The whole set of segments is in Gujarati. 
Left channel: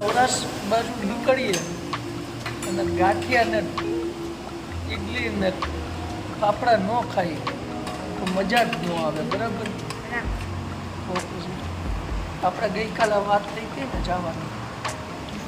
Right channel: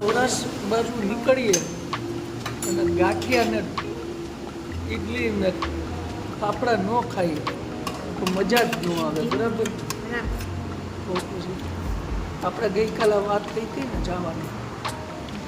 સૌરાષ્ટ્ર બાજુ નીકળીએ અને ગાંઠિયા ને ઈડલી ને ફાફડા ન ખાઈએ તો મજા જ ન આવે. બરાબર. તો પછી આપણે ગઈકાલે વાત થઈ હતી ને જવાની,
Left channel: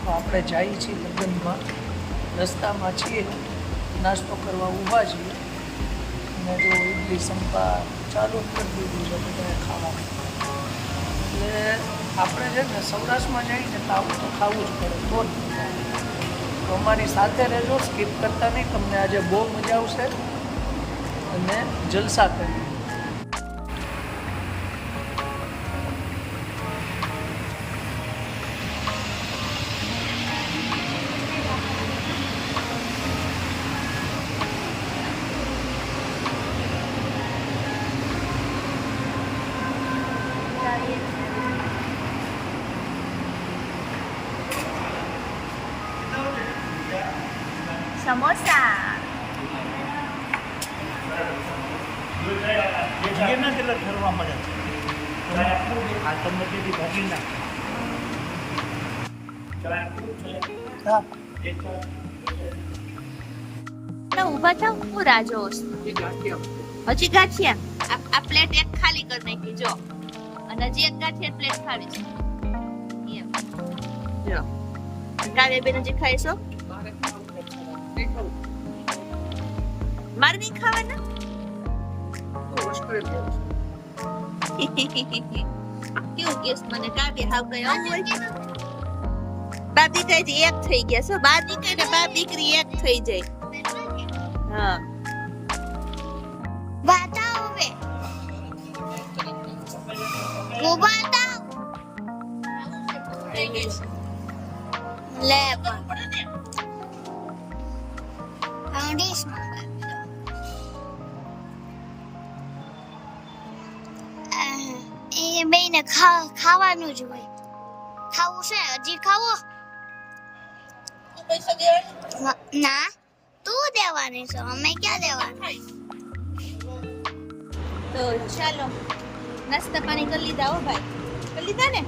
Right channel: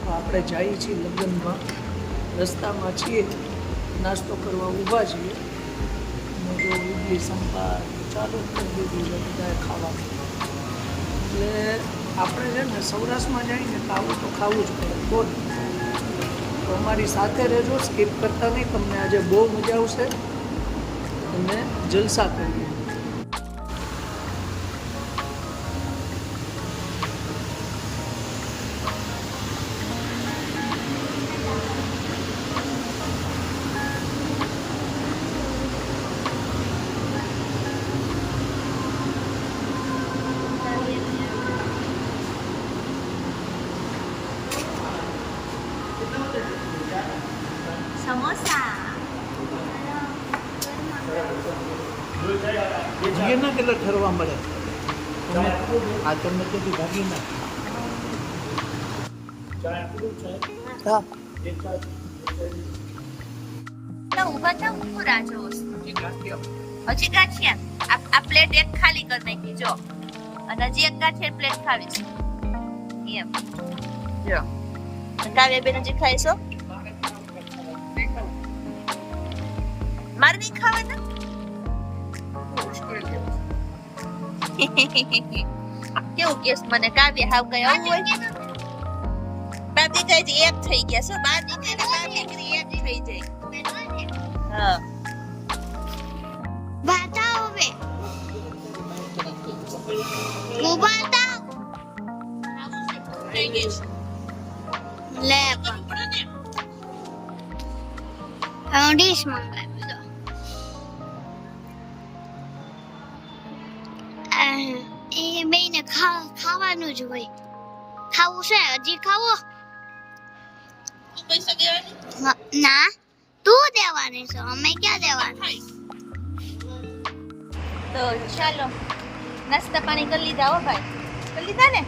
તો આપણે જઈએ છીએ લગ્નમાં, રસ્તામાં છીએ, નાસ્તો કરવા ઊભા છીએ અને જો ઈડલી સંભાર ચાલુ કરી દીધું છે બધાએ ખાવાનું. એટલે આપણે છે ને સૌરાષ્ટ્રમાં જઈને તો આવું તો ખાવું જ પડે. બહુ જ મજા આવે. તો અમારી સાથે રહેજો, સ્કીપ કરતા નહીં, તમને આજે બહુ મજા આવશે અને જલસા કરીએ. સમોસા જીએના કેટલા ફરવા મળે ઉભા થાવ, હું રાહ જોઉં છું. હજી ગાંઠિયા આ પ્લેટ એક ખાલી કરી નાખી જો, અને હજી એક ગાંઠિયા પ્લેટ ખાવી છે એમ. કાવ્ય બેન હજી ખાઈશો? મારે નહીં ખાવાના? કેવું કેસ મને કાવ્ય હાવ કઈ આવું હોય? બાપ દીકરી એક થઈ ગયા શું? બાપ દીકરી ને બાપ દીકરી એક થઈ જાય. હા બતાવો હવે હું બતાવ થઈ ગઈ લે પણ ડીશ મંગાવી દો. એ બેને ખાવાનું જ હોય. ખાવું છે? હજી ખાવો? ના તું દેવાની છો, અમે ક્યાં દેવાના. તો ચાલો નાસ્તા પાણી કરી લીધા હો ભાઈ? કરી લીધા ને?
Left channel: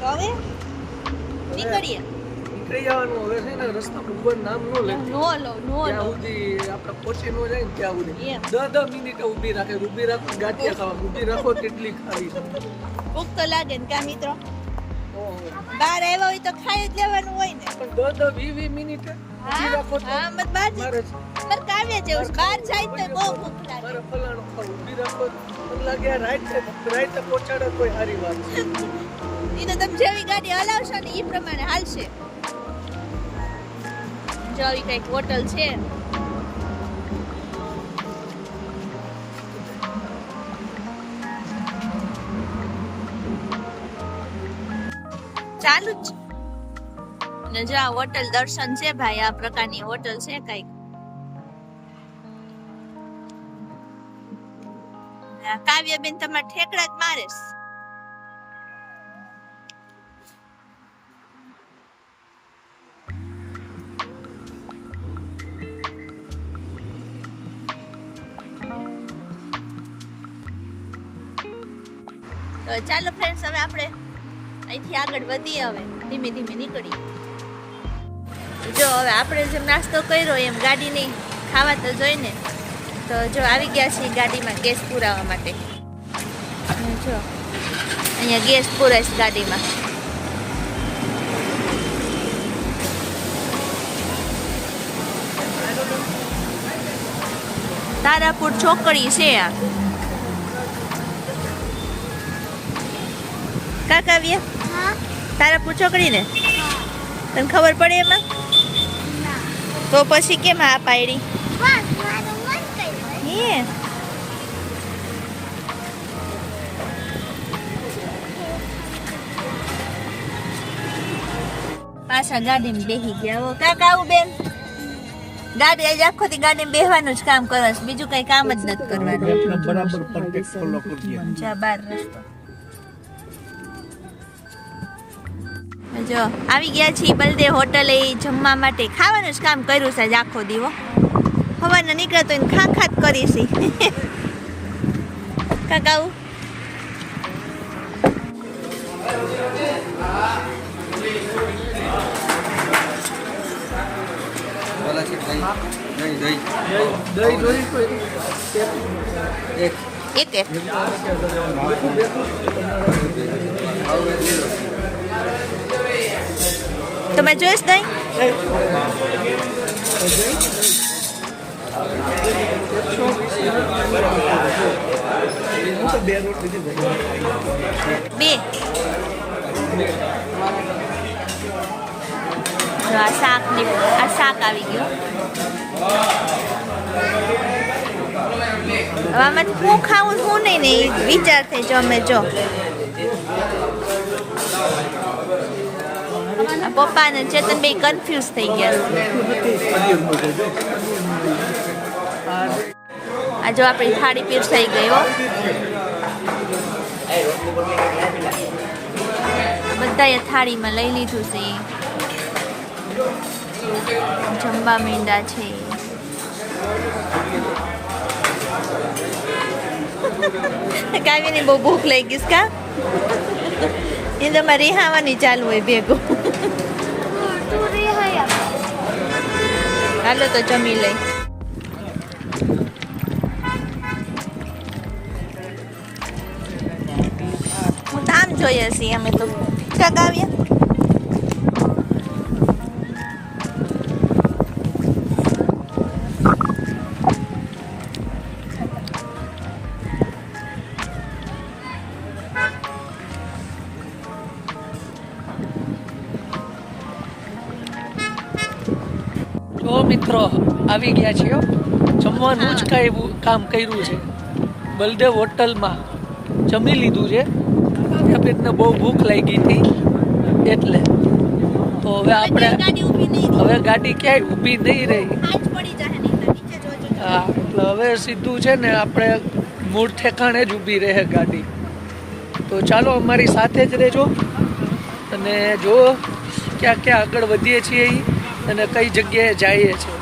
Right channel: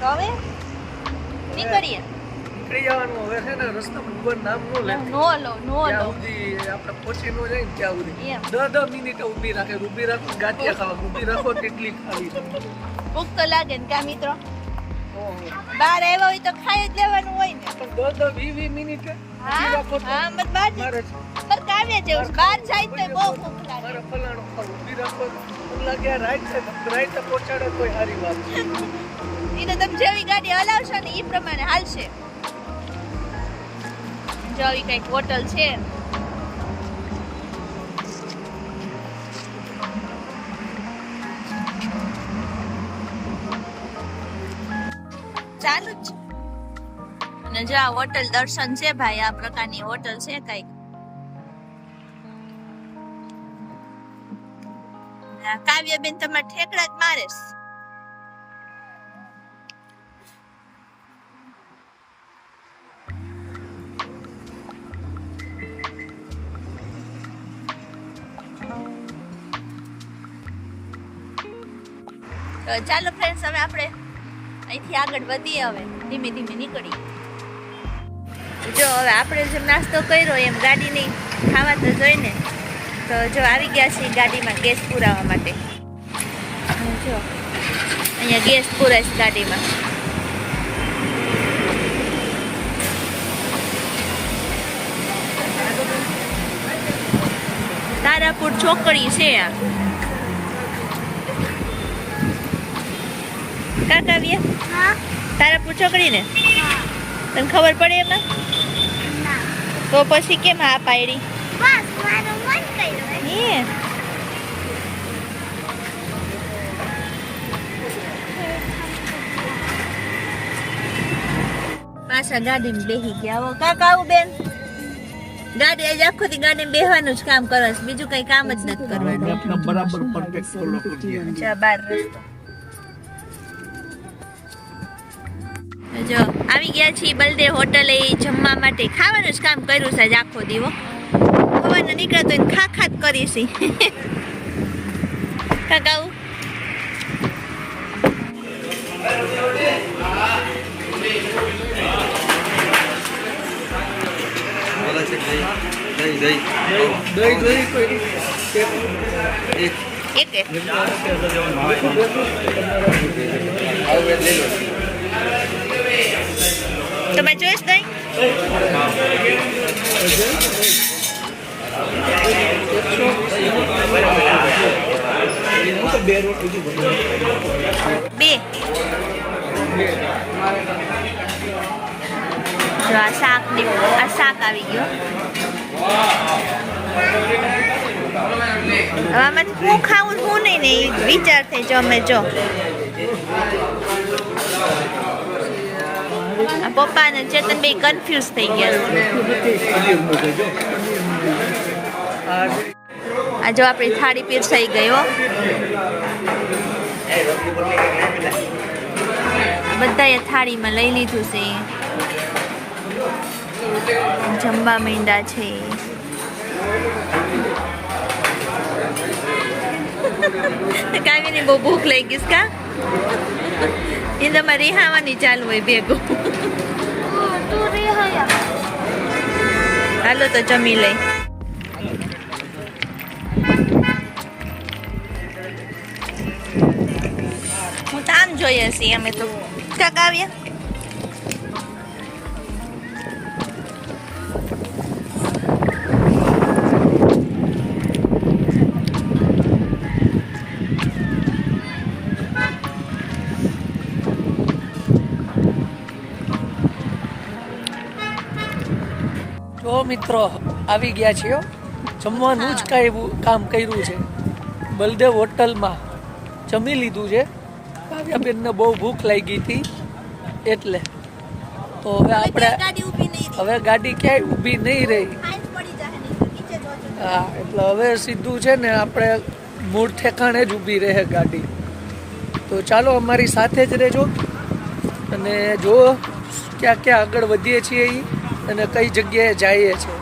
તો હવે નીકળીએ. નીકળી જવાનું હવે છે ને. રસ્તા ઉપર નામ નો લે, નો લો સુધી આપણે પહોંચી નો જાય ને ત્યાં સુધી 10 મિનિટ ઊભી રાખે. ઊભી રાખો ગાંઠિયા ખાવા, ઊભી રાખો કેટલી ખાવી. ભૂખ તો લાગે ને કા મિત્રો? બહાર આવ્યા હોય તો ખાઈ જ લેવાનું હોય ને. પણ 10-20 મિનિટ ઊભી રાખો તો હા મત બાર પર કાવ્ય જેવું બહાર જાય તો બહુ ભૂખ લાગે. મારે ફલાણો ખાવ, ઊભી રાખો મને લાગે રાઈટ પહોંચાડે કોઈ સારી વાત છે. ઈ તો તમે જેવી ગાડી હલાવશો ને ઈ પ્રમાણે હાલશે. જો આવી કઈક હોટલ છે. ચાલુ જ. અને જો આ હોટલ દર્શન છે ભાઈ, આ પ્રકારની હોટલ છે કઈક. કાવ્યબેન તમારે ઠેકડા જ મારેસ. તો ચાલો ફ્રેન્ડ્સ, હવે આપણે અહીંથી આગળ વધીએ. હવે ધીમે ધીમે નીકળીએ. જો હવે આપણે જેમ નાસ્તો કર્યો એમ ગાડીની ખાવા તો જોઈને, તો જો આવી ગયા છીએ ગાડીમાં ગેસ પુરાવા માટે. જો અહીંયા ગેસ પુરાઈશ ગાડીમાં. તારાપુર ચોકડી છે આ. કાવ્ય તારાપુર ચોકડી ને? તને ખબર પડે એમાં? તો પછી કેમ આ પાડી? પાછા ગાડીમાં બેસી ગયા. કાકા આવું બેન, ગાડી આજે આખો દી ગાડીમાં બેસવાનું જ કામ કરે છે, બીજું કઈ કામ જ નથી કરવાનું. બરાબર પરફેક્ટ ફોલો કરીએ. જા બાર રસ્તો. જો આવી ગયા છીએ બલદેવ હોટલે જમવા માટે. ખાવાનું જ કામ કર્યું છે આખો દીવો. હવાના નીકળે તો ખા જ કરીશી. કાકાઉ દહીં જોઈ કોઈ એક એક તમે જોઈશ દહીં બે જો આ શાક આવી ગયો હવે આમાંથી હું ખાવું હું નહીં ને એ વિચાર થઈ જમે જો આ પપ્પા ને ચેતન બે કન્ફ્યુઝ થઈ ગયા આ જો આપણી થાળી પીરસાઈ ગઈ હો બધાએ થાળીમાં લઈ લીધું છે જમવા માંડ્યા છે કાવ્યની બહુ ભૂખ લઈ ગઈ કા એ તમારે રિહાવાની ચાલુ હોય ભેગું હાલો તો જમી લઈ હું તો આમ જોઈએ છીએ અમે તો કાવ્યા જો મિત્રો આવી ગયા છીએ જમવાનું જ કાંઈ કામ કર્યું છે બલદેવ હોટલમાં જમી લીધું છે કાવ્યાબેનને બહુ ભૂખ લાગી હતી એટલે તો હવે આપણે હવે ગાડી ક્યાંય ઊભી નહીં રહી હા એટલે હવે સીધું છે ને આપણે મૂળ ઠેકાણે જ ઊભી રહે ગાડી તો ચાલો અમારી સાથે જ રહેજો અને જો ક્યાં ક્યાં આગળ વધીએ છીએ અને કઈ જગ્યાએ જઈએ છીએ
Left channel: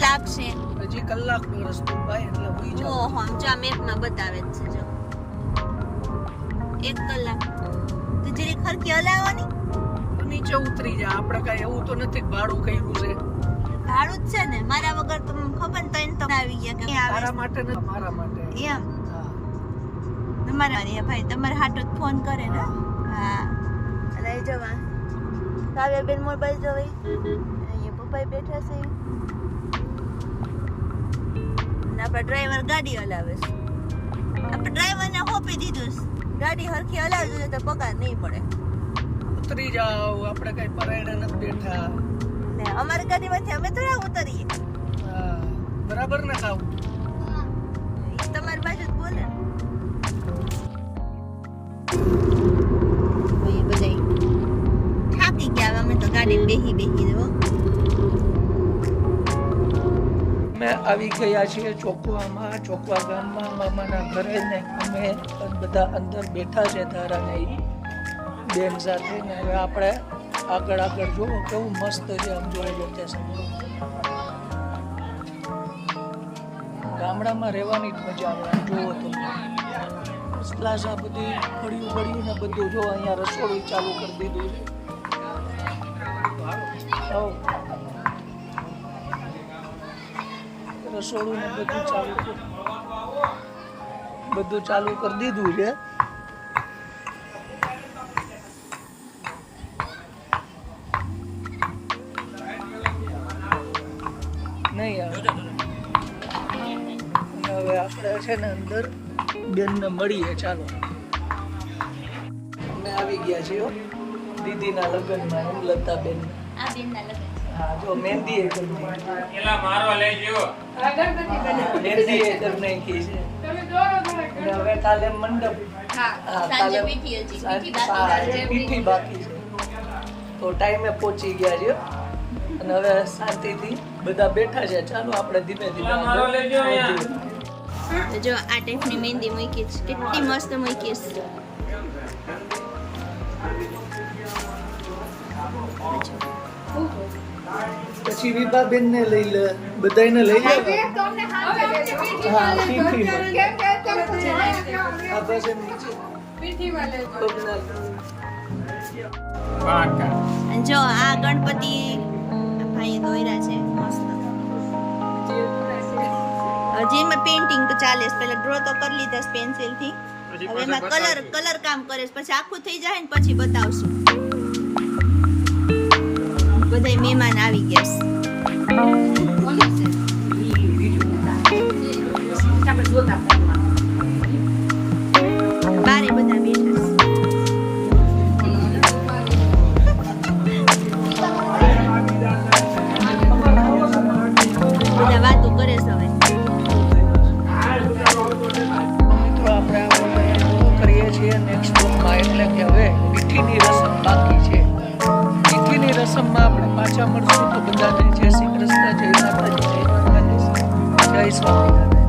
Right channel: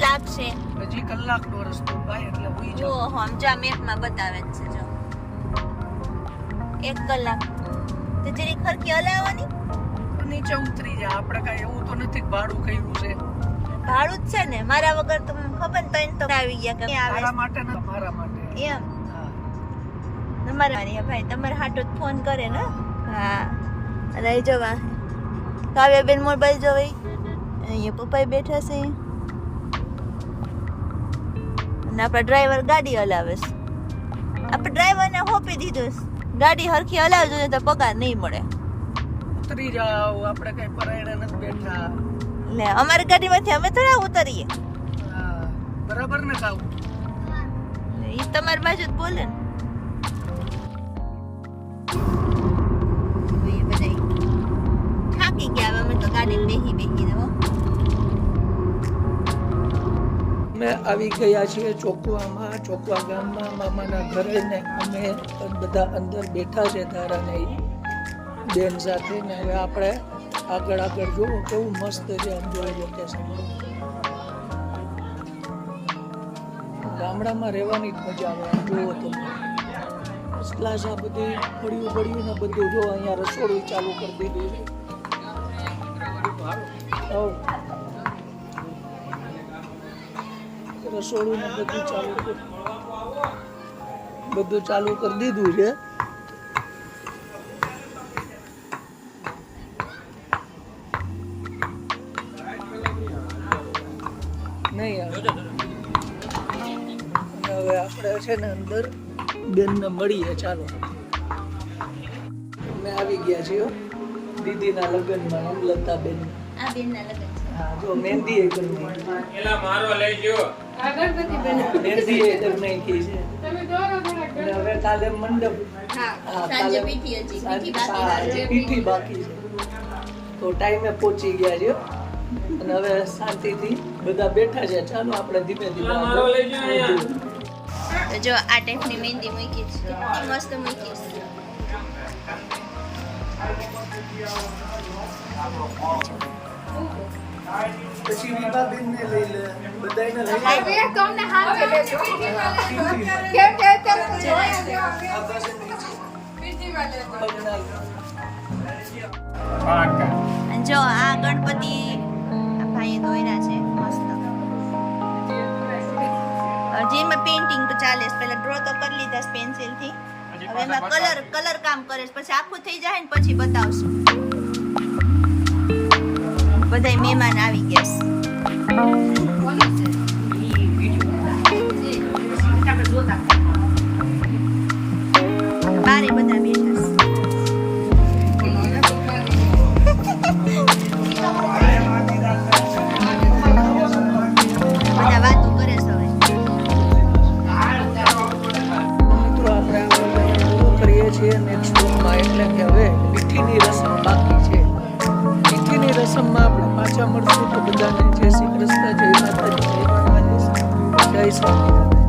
લાગશે હજી કલાકનો રસ્તો ભાઈ એટલે હોઈ જો હમજા મેપમાં બતાવે છે જો 1 કલાક તો જરી ખરકી હલાવવાની નીચે ઉતરી જા આપણે કાંઈ એવું તો નથી ભાડું કર્યું છે ભાડું જ છે ને મારા વગર તો ખબર ને તો આવી ગયા કે આવે મારા માટે ને મારા માટે એમ તમારે ભાઈ તમારે હાટો ફોન કરે ને હા રહી જવા કાવ્યાબેન મોબાઈલ જોવે અહીંયા પપ્પા બેઠા છે આપણા ડ્રાઈવર ગાડી હલાવે છે આપણે ડ્રાઈવરને હોપી દીધું ગાડી હરખી હલાવજો તો પગાર નહીં મળે ઉતરી જાઓ આપણે કઈ પરાયણા નથી બેઠા લે અમારી ગાડીમાંથી અમે થોડા ઉતરીએ હા બરાબર ને કાવ ઈ તમારી બાજુ જ બોલે ને એ બધા થાકી ગયા હવે અમે ગાડીમાં બેહી દો. અમે આવી ગયા છીએ ચોકવામાં, ચોકવા ગામમાં મામાના ઘરે ને અમે બધા અંદર બેઠા છે ધારાને ઈ બેન સાથે ને હવે આપણે આગળ જુઓ કેવું મસ્ત છે આમ જોઈ લોકેશન. ગામડામાં રહેવાની જ મજા આવે આમ જુઓ તો ક્લાસ આ બધી પડ્યું ને બધું જો અહીંયા રસોડું ચાલુ કરી દીધું છે. રસોડું ને બધું ચાલુ કરી દીધું છે. નહીં આવે હવે આપણે છે ને અંદર બેનને મળીએ. ચાલો અમે આવી ગયા છીએ દીદીના લગ્નમાં હેમલતા બેન. આ બેનના લગ્ન છે. હા જો મહેંદી એ કરી મહેંદી એ કરી નાખી છે. અને હવે કાલે મંડપ. સાંજે પીઠી પીઠી બાકી છે તો ટાઈમે પહોંચી ગયા છે અને હવે શાંતિથી બધા બેઠા છે. ચાલો આપણે ધીમે આગળ વધીએ. તો જો આ ટાઈપની મહેંદી મૂકી છે, કેટલી મસ્ત મૂકી છે. પછી વિભાબેન ને લઈ લે, બધાને લઈ લે. અને જો આ ગણપતિ ભાઈએ દોર્યા છે મસ્ત. હજી એમાં પેઇન્ટિંગ તો ચાલે છે. પહેલા ડ્રો તો કરી લીધા છે પેન્સિલ થી, હવે એમાં કલર કામ કરે છે. પછી આખું થઈ જાય ને પછી બતાવશું. બધાય મહેમાન આવી ગયા છે. બારે બધા બેઠા છે. બધા વાતો કરે છે. હવે મિત્રો આપણે આ પૂરું કરીએ છીએ નેક્સ્ટ રૂમમાં. એટલે કે હવે પીઠીની રસમ બાકી છે. પીઠીની રસમમાં આપણે પાછા મળશું. તો બધાને જય શ્રી કૃષ્ણ, જય માતાજી, જય સ્વામિનારાયણ.